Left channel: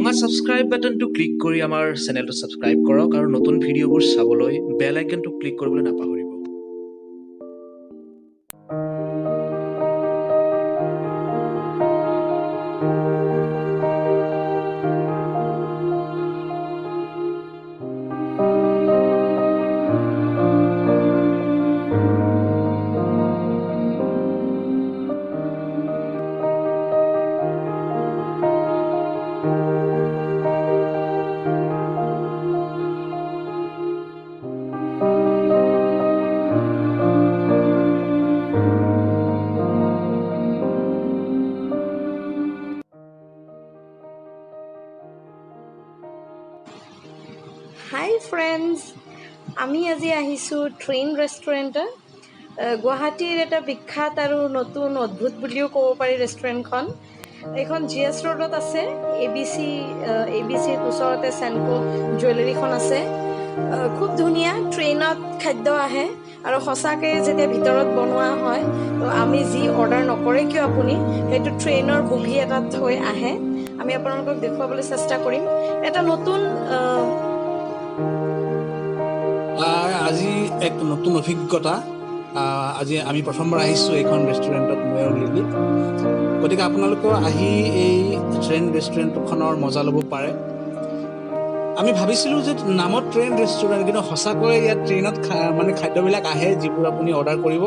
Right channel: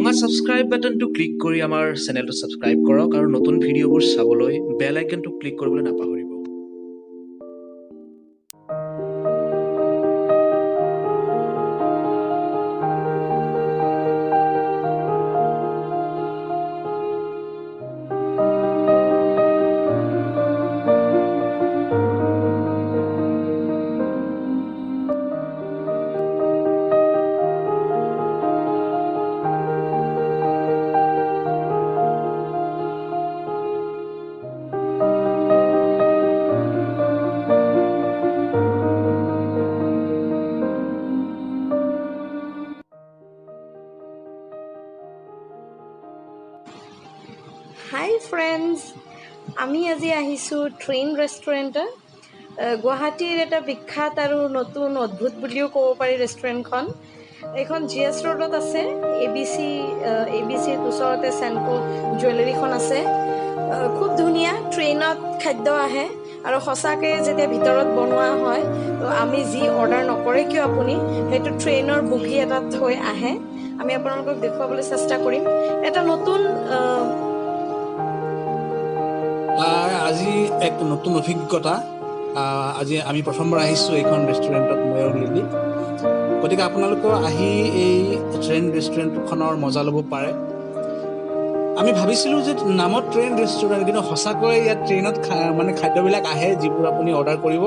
ৰঙা সাবস্ক্ৰাইব বাটনটো ক্লিক কৰি আমাৰ চেনেলটো সাবস্ক্ৰাইব কৰক আৰু নতুন ভিডিঅ'বোৰ চাবলৈ বেল আইকনটো ক্লিক কৰিবলৈ নাপাহৰিব। হাই ফ্ৰেণ্ডছ, আমি আজি আহিছোঁ ট্ৰেইন ৰেষ্টুৰেণ্টত। গুৱাহাটীৰ এটা বিখ্যাত আৰু নতুন অদ্ভুত বুলিও ক'ব পাৰি ৰেষ্টুৰেণ্টখন। এইখন GS ৰোডত আছে। ABC ওচৰতে চেনকো জুৱেলাৰীখন আছে। খুব ধুনীয়া ট্ৰেইনত খাদ্য আহে আৰু সঁচাকৈ যেতিয়া ভিতৰত বনোৱা হয় তো আমি যি অৰ্ডাৰ নকৰে কিয় আপুনি সেইটো ট্ৰেইনৰ বগী এটাত থৈ আহে। আমি আপোনালোকক দেখুৱাবলৈ চেষ্টা কৰিম। এটা নতুন আজি এক নতুন অভিজ্ঞতা। আজি আমি প্ৰথমবাৰ আহিছোঁ এইখন ৰেষ্টুৰেণ্টত, মই আৰু লিলি। গতিকে আপোনালোকেও আহি এই ট্ৰেইন ৰেষ্টুৰেণ্টখনৰ মজা ল'ব পাৰে। আমি ভাবিছিলোঁ যে নামত ট্ৰেইন ৰেষ্টুৰেণ্ট, কিন্তু সঁচাকৈ ইয়াত ট্ৰেইনত খাদ্যবিলাক আহে যিবোৰ আপুনি অৰ্ডাৰ কৰিব